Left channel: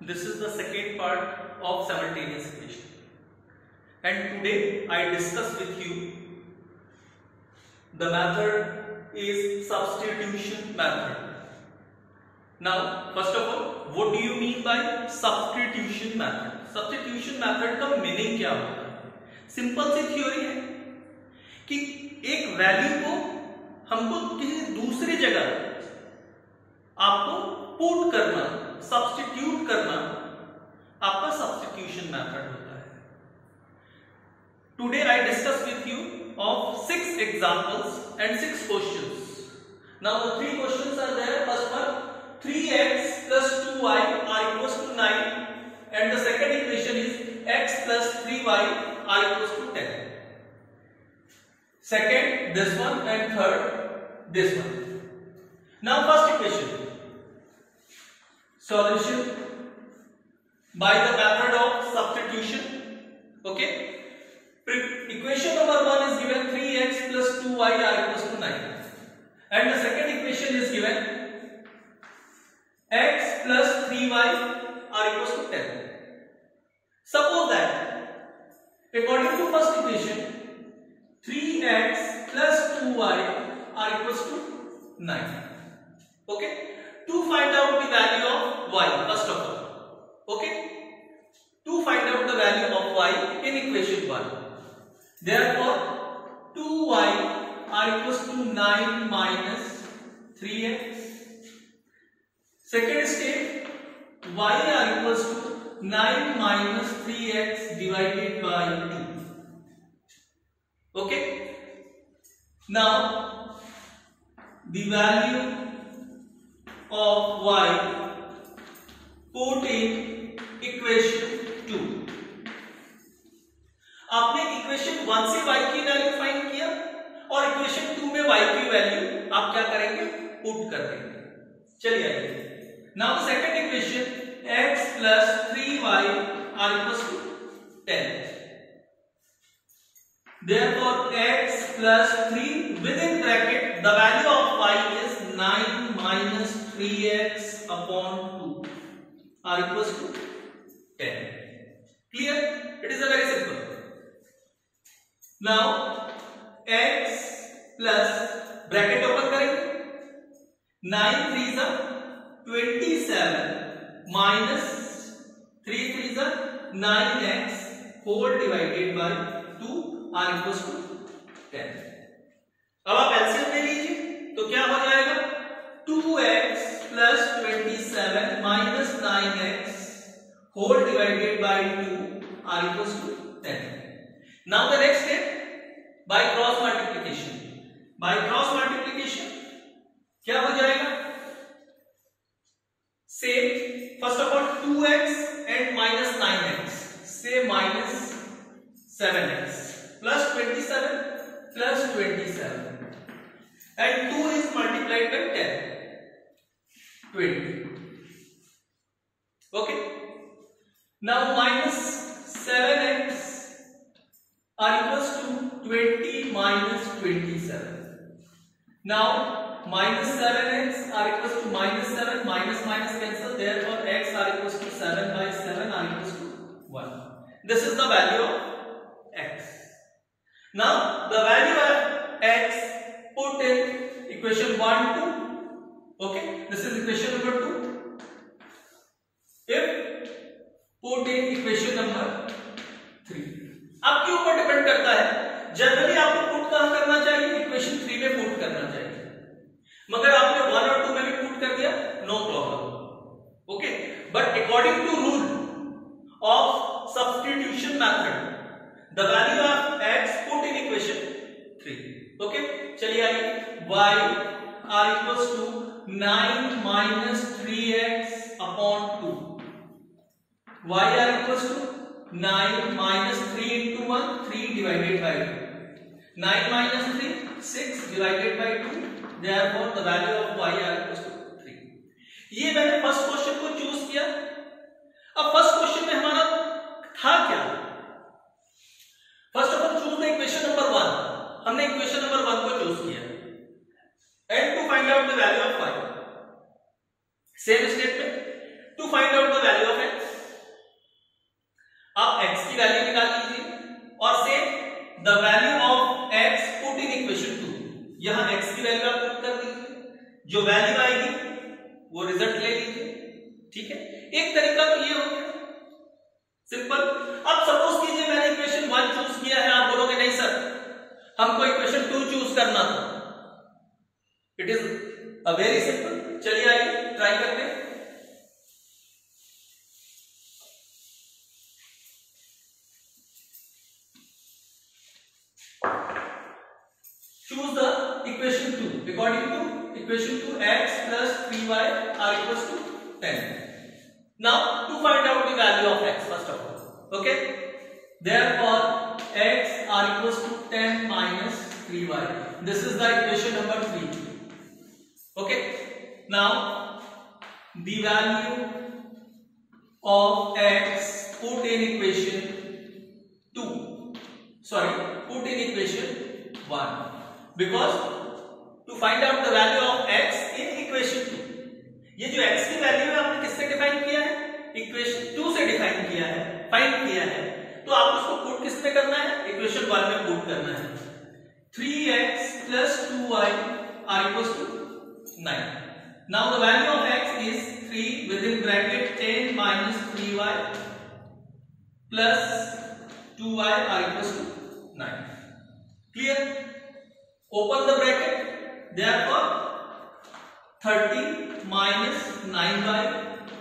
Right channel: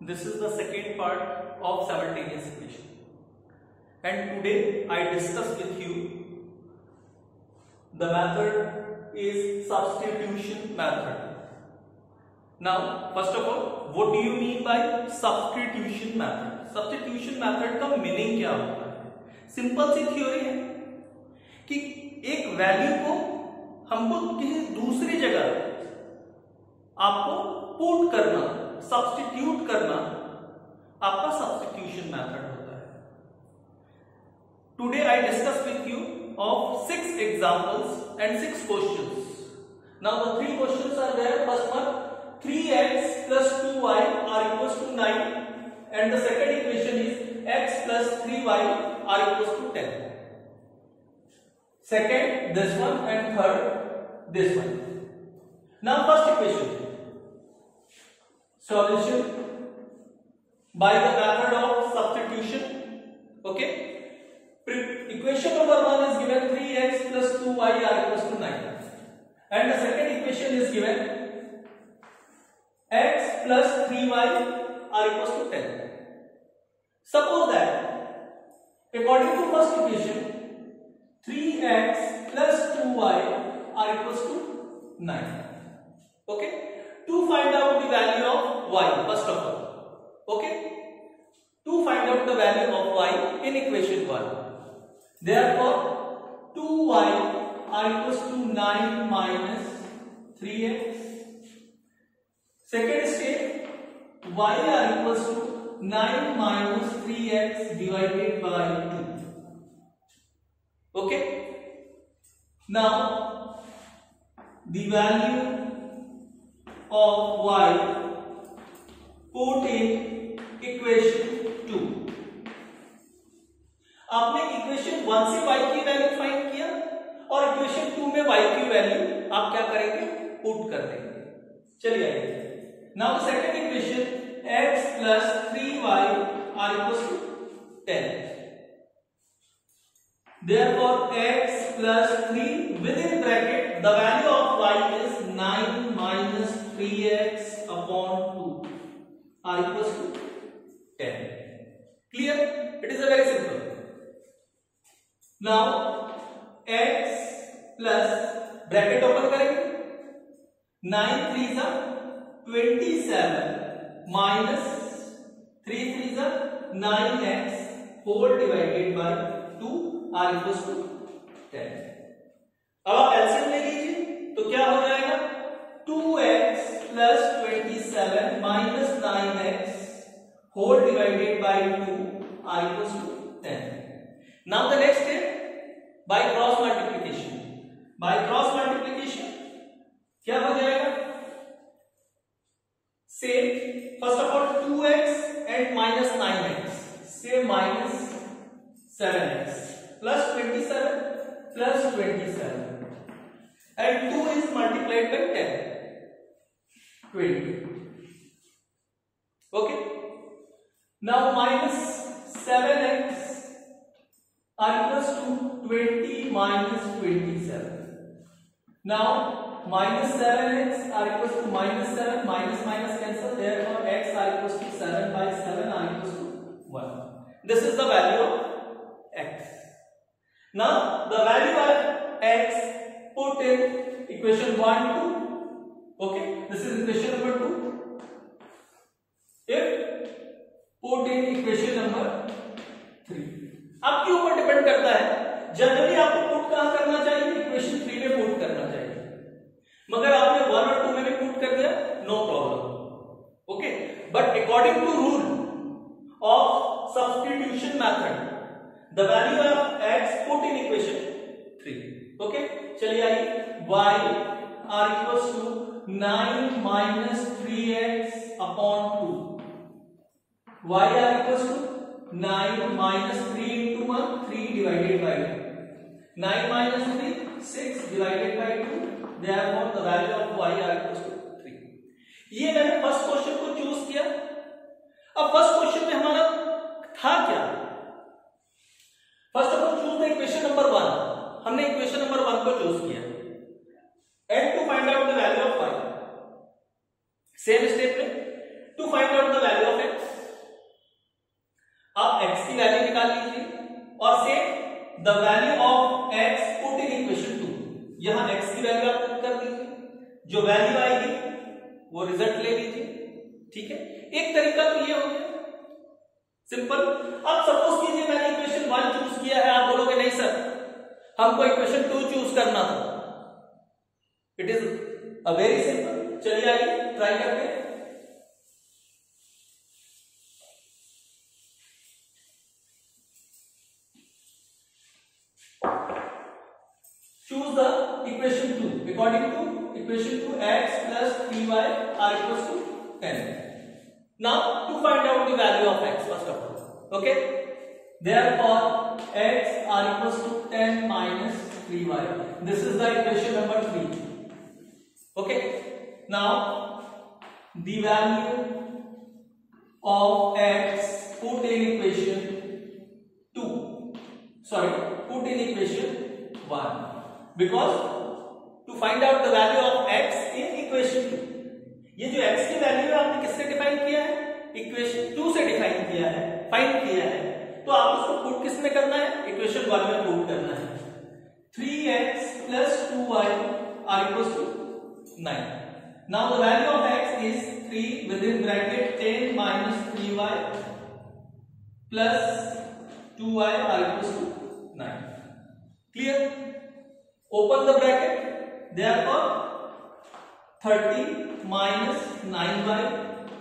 This is the second part of simultaneous equation, and today I discuss with you the method is substitution method. Now, first of all, what do you mean by substitution method? Substitution method का meaning क्या होता है? Simple सी theory है कि एक value को हमको किसी दूसरी जगह आपको पुट करना, सब्स्टिट्यूट करना आपका सब्स्टिट्यूशन मेथड होता है. Today I discuss with you of 6 examples and 6 questions. Now the 3 questions are there. First one, 3x plus 2y are equals to 9, and the second equation is x plus 3y are equals to 10. Second this one, and third this one. Now first equation, solution by the method of substitution. Okay, equation number 1 is given 3x plus 2y are equals to 9, and the second equation is given x plus 3y are equals to 10. Suppose that according to first equation 3x plus 2y are equals to 9. Okay, to find out the value of y, first of all, okay, to find out the value of y in equation 1, therefore 2y are equals to 9 minus 3x. Second step, y are equals to 9 minus 3x divided by 2. Okay, now the value of y put in equation 2. आपने equation 1 से y की value find किया और equation 2 में y की value आप क्या करेंगे, पुट कर देंगे. चलिए आइए. Now second equation, x plus 3y are equals to 10. Therefore x plus 3 within bracket, the value of y is 9 minus 3x upon 2 are equals to 10. Clear? It is a very simple. Now x plus bracket open करेंगे, 9 3s are 27 minus 3 3s are 9x whole divided by 2 are equals to 10. अब आप LCM ले लीजिए तो क्या हो जाएगा, 2x plus 27 minus 9x whole divided by 2 are equals to 10. Now the next step, by cross multiplication. By cross multiplication क्या हो जाएगा, same, first of all 2x and minus 9x, say minus 7x plus 27 plus 27, and 2 is multiplied by 10, 20. Okay, now minus 7x are equals to 20 minus 27. Now minus 7x are equals to minus 7, minus minus cancel, therefore x are equals to 7 by 7 are equals to 1. This is the value of x. Now the value of x put in equation 1 2. Okay, this is equation number 2. If put in equation number 3, आपके ऊपर depend करता है. Generally आपको put कहां करना चाहिए, equation 3 में put करना चाहिए, मगर आपने 1 और 2 में भी पुट कर दिया, no problem. Okay, but according to rule of substitution method, the value of x put in equation 3. ओके, चलिए आइए. y are equals to 9 minus 3x upon 2. y are equals to 9 minus 3 into 1, 3 divided by 2. 9 minus 3, 6 divided by 2. Therefore the value of y are equals to 3. ये मैंने first question को choose किया. अब first question में हमारा था क्या, first of all choose the equation number 1. हमने इक्वेशन नंबर 1 को चूज किया, and to find out the value of y, same statement, to find out the value of x. वो रिजल्ट ले लीजिए। ठीक है, एक तरीका तो ये हो गया सिंपल। अब सपोज कीजिए मैंने इक्वेशन 1 चूज किया है, आप बोलोगे नहीं सर हमको इक्वेशन 2 चूज करना था। It is a very simple, चलिए आइए ट्राई करते हैं। Choose the equation 2. According to equation 2, x plus 3y are equals to 10. Now to find out the value of x first of all. Okay. Therefore x are equals to 10 minus 3y. This is the equation number 3. Okay. Now the value of x put in equation 2. Sorry, put in equation 1. Because to find out the value of x in equation 2, ये जो x की value है आपने किससे define किया है? Equation 2 से define किया है, फाइंड किया है। तो आप उसको पुट किस में करना है? इक्वेशन 1 में पुट करना है। 3x plus 2y are equals to 9. Now the value of x is 3 within bracket 10 minus 3y plus 2y are equals to 9. Clear? Open the bracket, therefore 30 minus 9y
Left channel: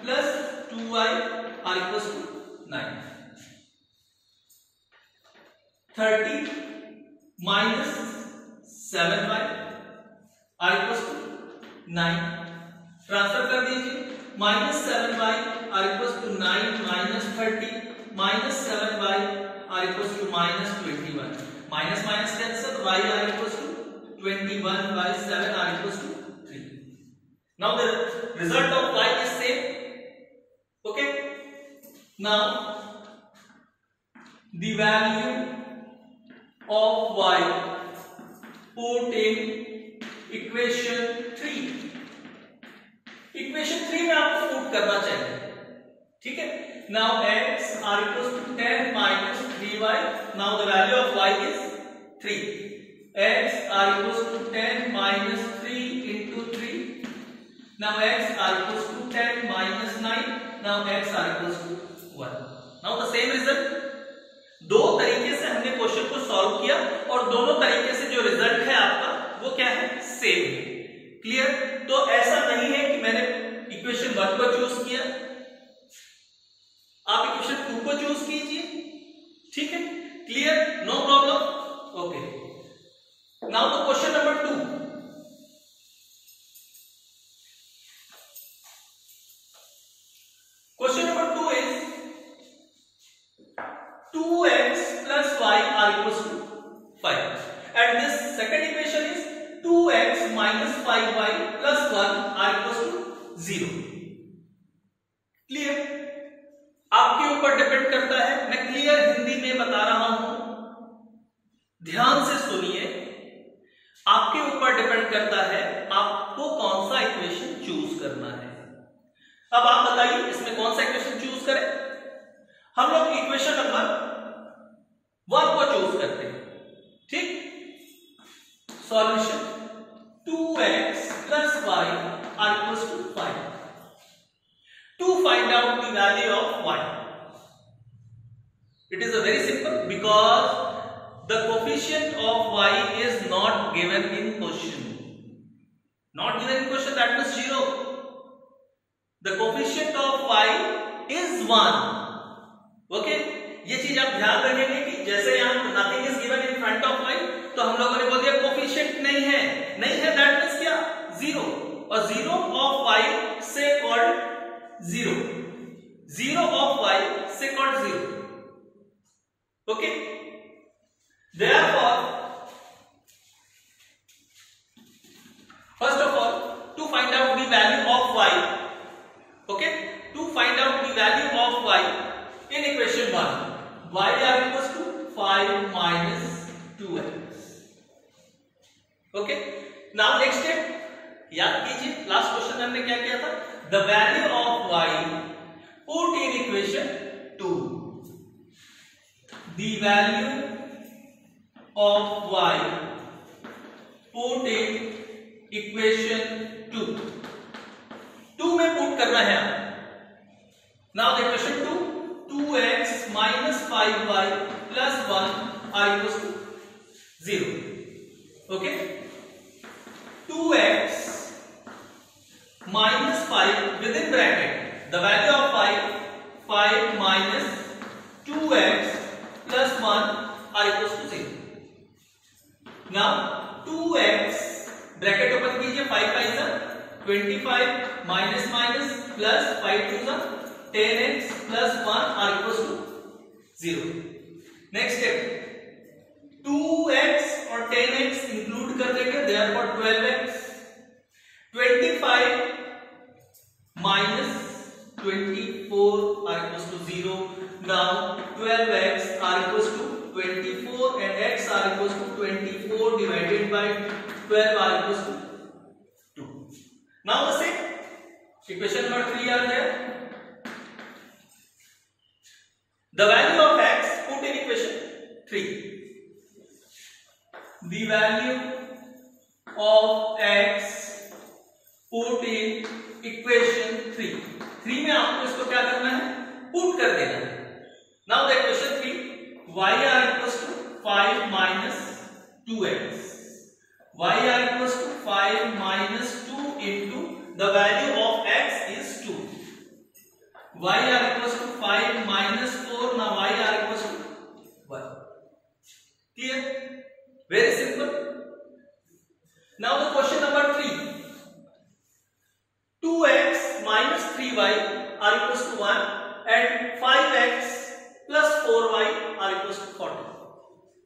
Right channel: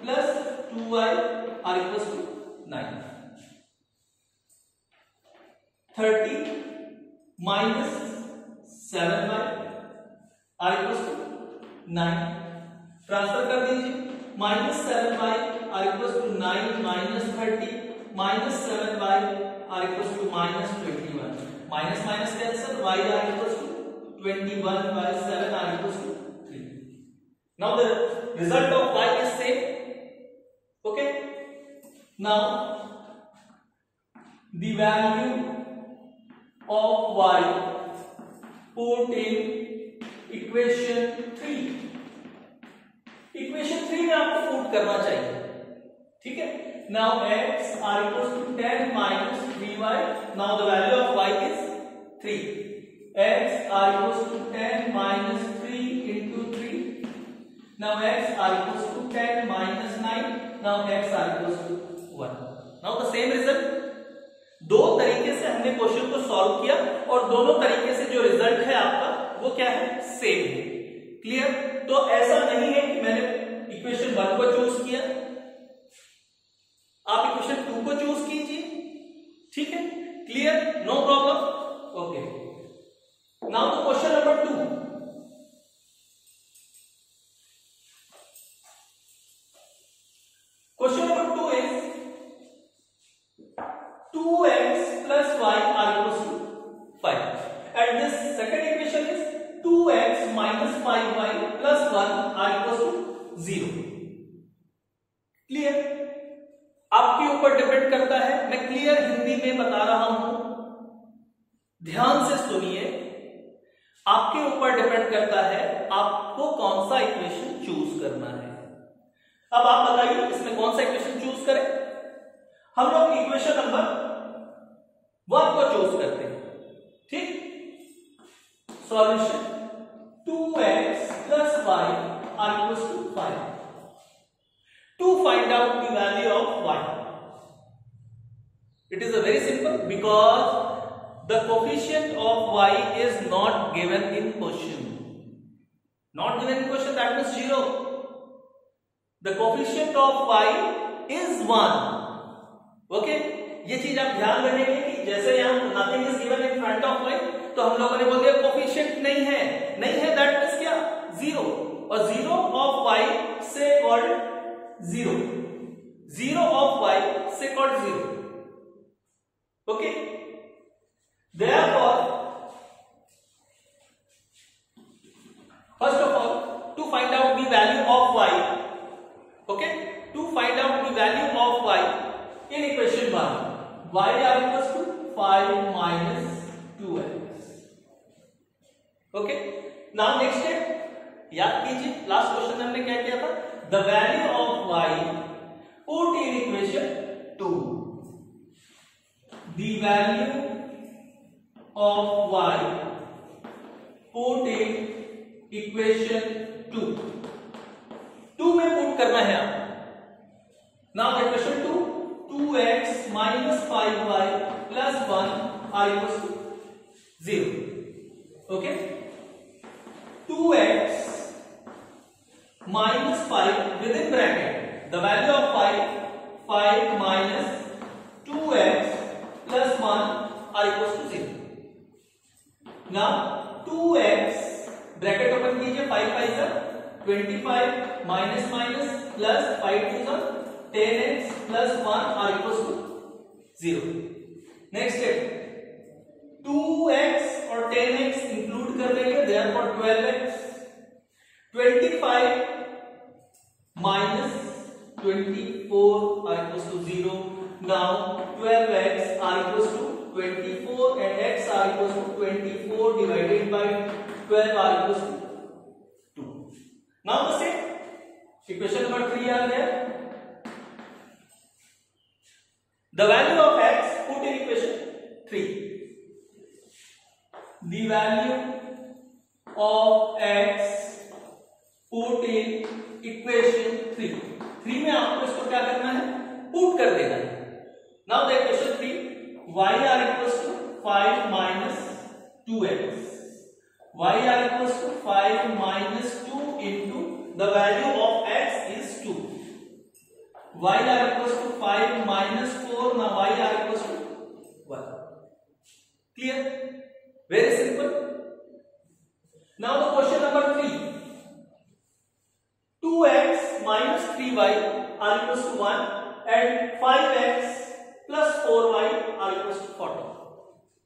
plus 2y are equals to 9. 30 minus 7y are equals to 9. Transfer कर दीजिए, minus 7y are equals to 9 minus 30 minus 7y are equals to minus 21. Minus minus cancel, y are equals to 21 by 7 are equals to 3. Now the result of y is same. Okay. Now the value of y put in equation 3. Equation 3 में आपको put करना चाहिए। ठीक है। Now x are equals to 10 minus 3y. Now the value of y is 3. X are equals to 10 minus 3 into 3. Now x are equals to 10 minus 9. Now x are equals to 1. Now the same result. दो तरीके से हमने question को solve किया और दोनों तरीके से जो रिजल्ट है आपका वो क्या है? सेम है। क्लियर? तो ऐसा नहीं है कि मैंने इक्वेशन 1 को चूज किया, आप इक्वेशन 2 को चूज कीजिए। ठीक है, clear? No problem. Okay, now the question number 2। Question number 2 is 2x plus y are equals to 5 and this second equation is 2x minus 5y plus 1 are equals to 0. Clear? आपके ऊपर depend करता है, मैं clear Hindi में बता रहा हूं, ध्यान से सुनिए। आपके ऊपर डिपेंड करता है आपको कौन सा इक्वेशन चूज करना है। अब आप बताइए इसमें कौन सा इक्वेशन चूज करें? हम लोग इक्वेशन नंबर 1 को चूज करते हैं। ठीक, solution 2x plus y are equals to 5. To find out the value of y, it is a very simple because the coefficient of y is not given in question. Not given in question, that means 0. The coefficient of y is 1. Okay? ये चीज आप ध्यान रखेंगे कि जैसे यहां nothing is given in front of y तो हम लोगों ने बोल दिया कोफिशिएंट नहीं है, नहीं है, दैट मींस क्या? 0। और 0 ऑफ y से कॉल्ड 0, 0 of y से called 0. Okay, therefore first of all to find out the value of y, okay, to find out the value of y in equation 1, y are equals to 5 minus 2x. okay, now next step याद कीजिए, last question में हमने क्या किया था? The value of y put in equation 2, the value of y put in equation 2 to put करना है। Now the equation 2, 2x minus 5y plus 1 are equals to 0. Okay, 2x minus 5 within bracket the value of 5 minus 2x plus 1 are equals to 0. Now 2x bracket open कीजिए, 5 5 25 minus minus plus 5 2 10x plus 1 are equals to 0. Next step, 2x और 10x include कर देंगे, therefore 12x, 25 minus 24 are equals to 0. Now 12x are equals to 24 and x are equals to 24 divided by 12 are equals to 2. Now the same equation number 3 are there. The value of x put in equation 3. The value of x put in equation 3. 3 में आपको इसको क्या करना है, put कर देना है. Now the equation 3, y are equals to 5 minus 2x. Y are equals to 5 minus 2 into the value of x is 2. Y are equals to 5 minus 4. Now y are equals to 1. Clear? Very simple. Now the question number 3. 2x minus 3y are equals to 1 and 5x plus 4y are equals to 40.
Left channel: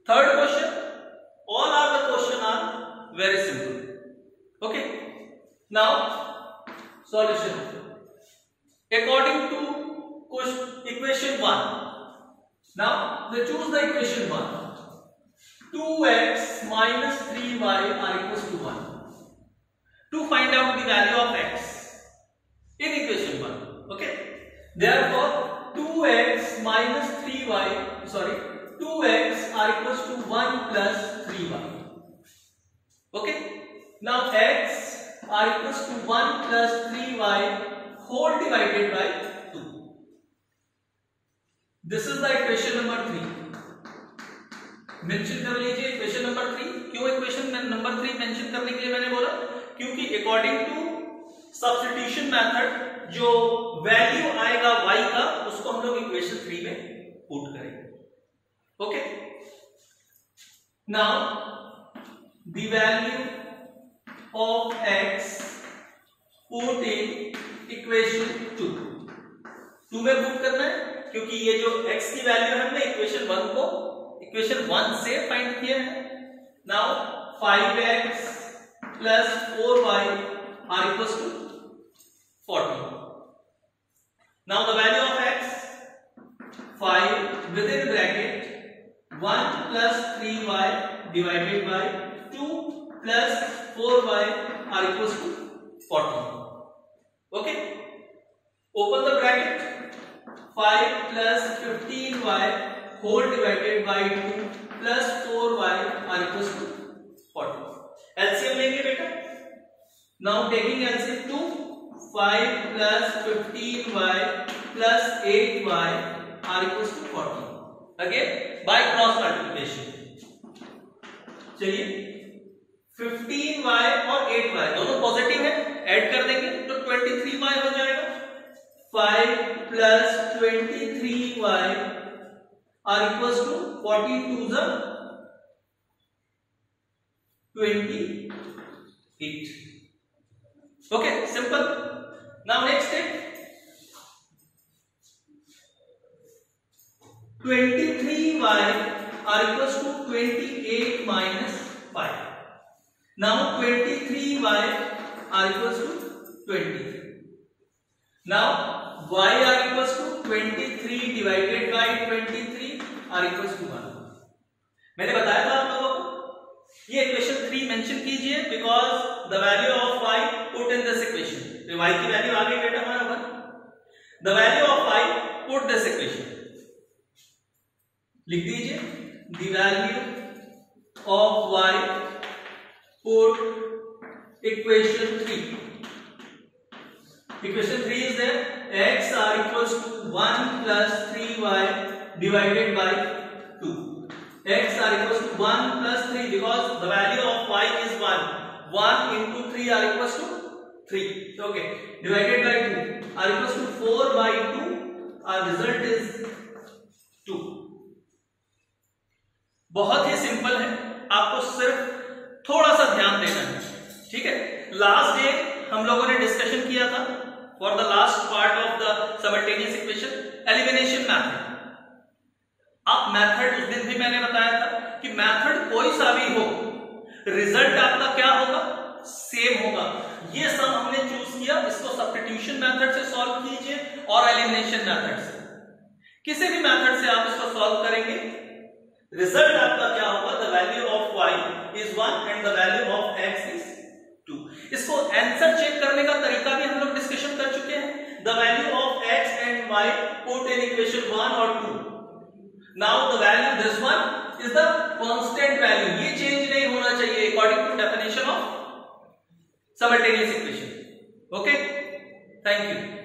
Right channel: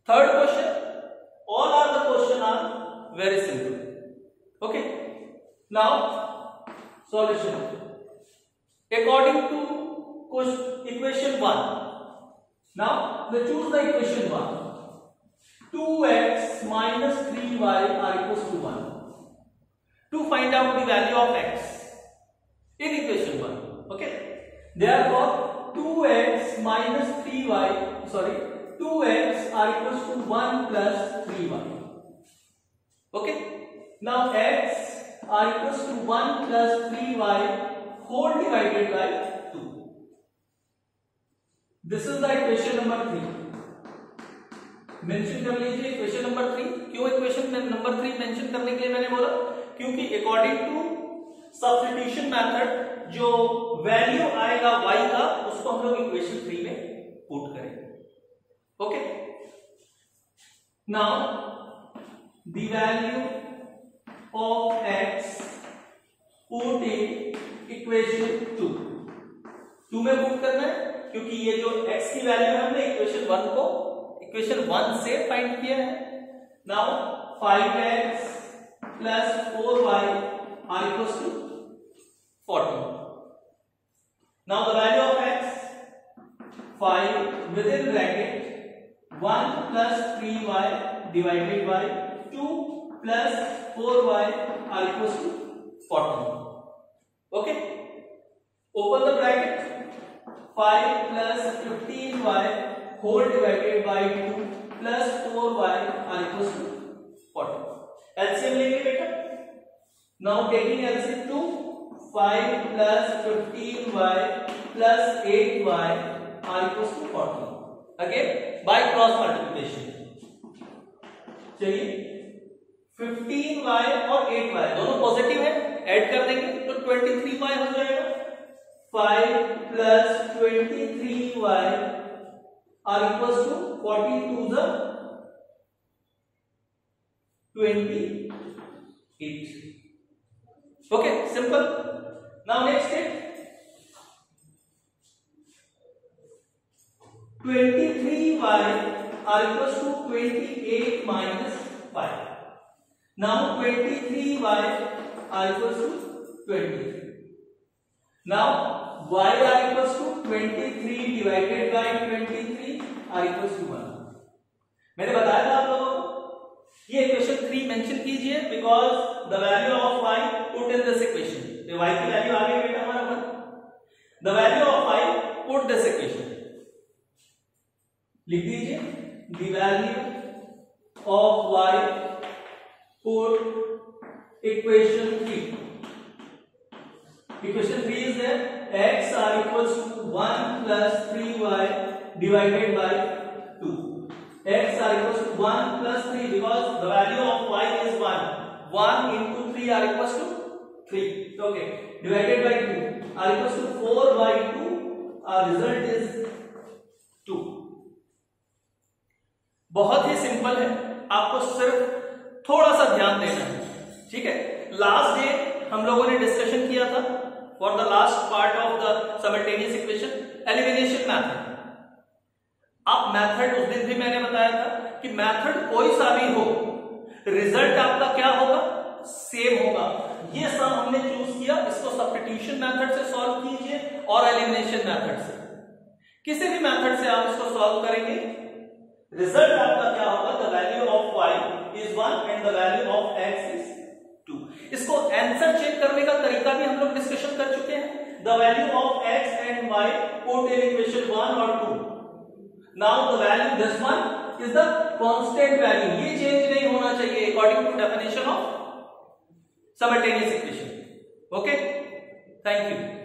Third question. All are the question are very simple. Okay. Now solution. According to equation 1. Now let's choose the equation 1. 2x minus 3y are equals to 1. To find out the value of x in equation 1. Okay. Therefore 2x minus 3y, 2x are equals to 1 plus 3y. Okay. Now x are equals to 1 plus 3y whole divided by 2. This is the equation number 3. Mention कर लीजिए equation number 3. क्यों equation number 3 mention करने के लिए मैंने बोला, क्योंकि according to substitution method जो वैल्यू आएगा y का उसको हम लोग इक्वेशन 3 में पुट करेंगे. Okay. Now the value of x put in equation 2 में पुट करना है, क्योंकि ये जो x की वैल्यू है हमने इक्वेशन 1 को इक्वेशन 1 से फाइंड किया है. Now 5x plus 4y are equals to 40. Now the value of x, 5 within bracket 1 plus 3y divided by 2 plus 4y are equals to 40. Okay. Open the bracket. 5 plus 15y whole divided by 2 plus 4y are equals to 40. LCM लेंगे बेटा. Now taking LCM 2, 5 plus 15y plus 8y are equals to 40. Again by cross multiplication. चलिए 15y और 8y दोनों positive है, add कर देंगे तो 23y हो जाएगा. 5 plus 23y are equals to 42 the 28. Okay, simple. Now next step, 23y are equals to 28 minus 5. Now 23y are equals to 23. Now y are equals to 23 divided by 23 are equals to 1. मैंने बताया था आप लोगों को, ये equation 3 mention कीजिए because the value of y put in this equation. तो y की वैल्यू आ गई बेटा हमारा 1. The value of y put this equation. लिख दीजिए the value of y put equation 3. Equation 3 is there. X are equals to 1 plus 3y divided by 2. X are equals to 1 plus 3 because the value of y is 1. 1 into 3 are equals to 3. Okay. Divided by 2 are equals to 4 by 2. Our result is 2. बहुत ही simple है, आपको सिर्फ थोड़ा सा ध्यान देना है, ठीक है। लास्ट डे हम लोगों ने डिस्कशन किया था for the last part of the simultaneous equation elimination method. अब मेथड उस दिन भी मैंने बताया था कि मेथड कोई सा भी हो, रिजल्ट आपका क्या होगा, सेम होगा। ये सब हमने चूज किया, इसको सब्स्टिट्यूशन मेथड से सॉल्व कीजिए और एलिमिनेशन मेथड से, किसी भी मेथड से आप इसको सॉल्व करेंगे, रिजल्ट आपका क्या होगा, the value of y is 1 and the value of x is 2। इसको आंसर चेक करने का तरीका भी हम लोग डिस्कशन कर चुके हैं। The value of x and y put in equation 1 और 2। Now the value this one is the constant value, ये चेंज नहीं होना चाहिए according to definition of simultaneous equation. Okay, thank you.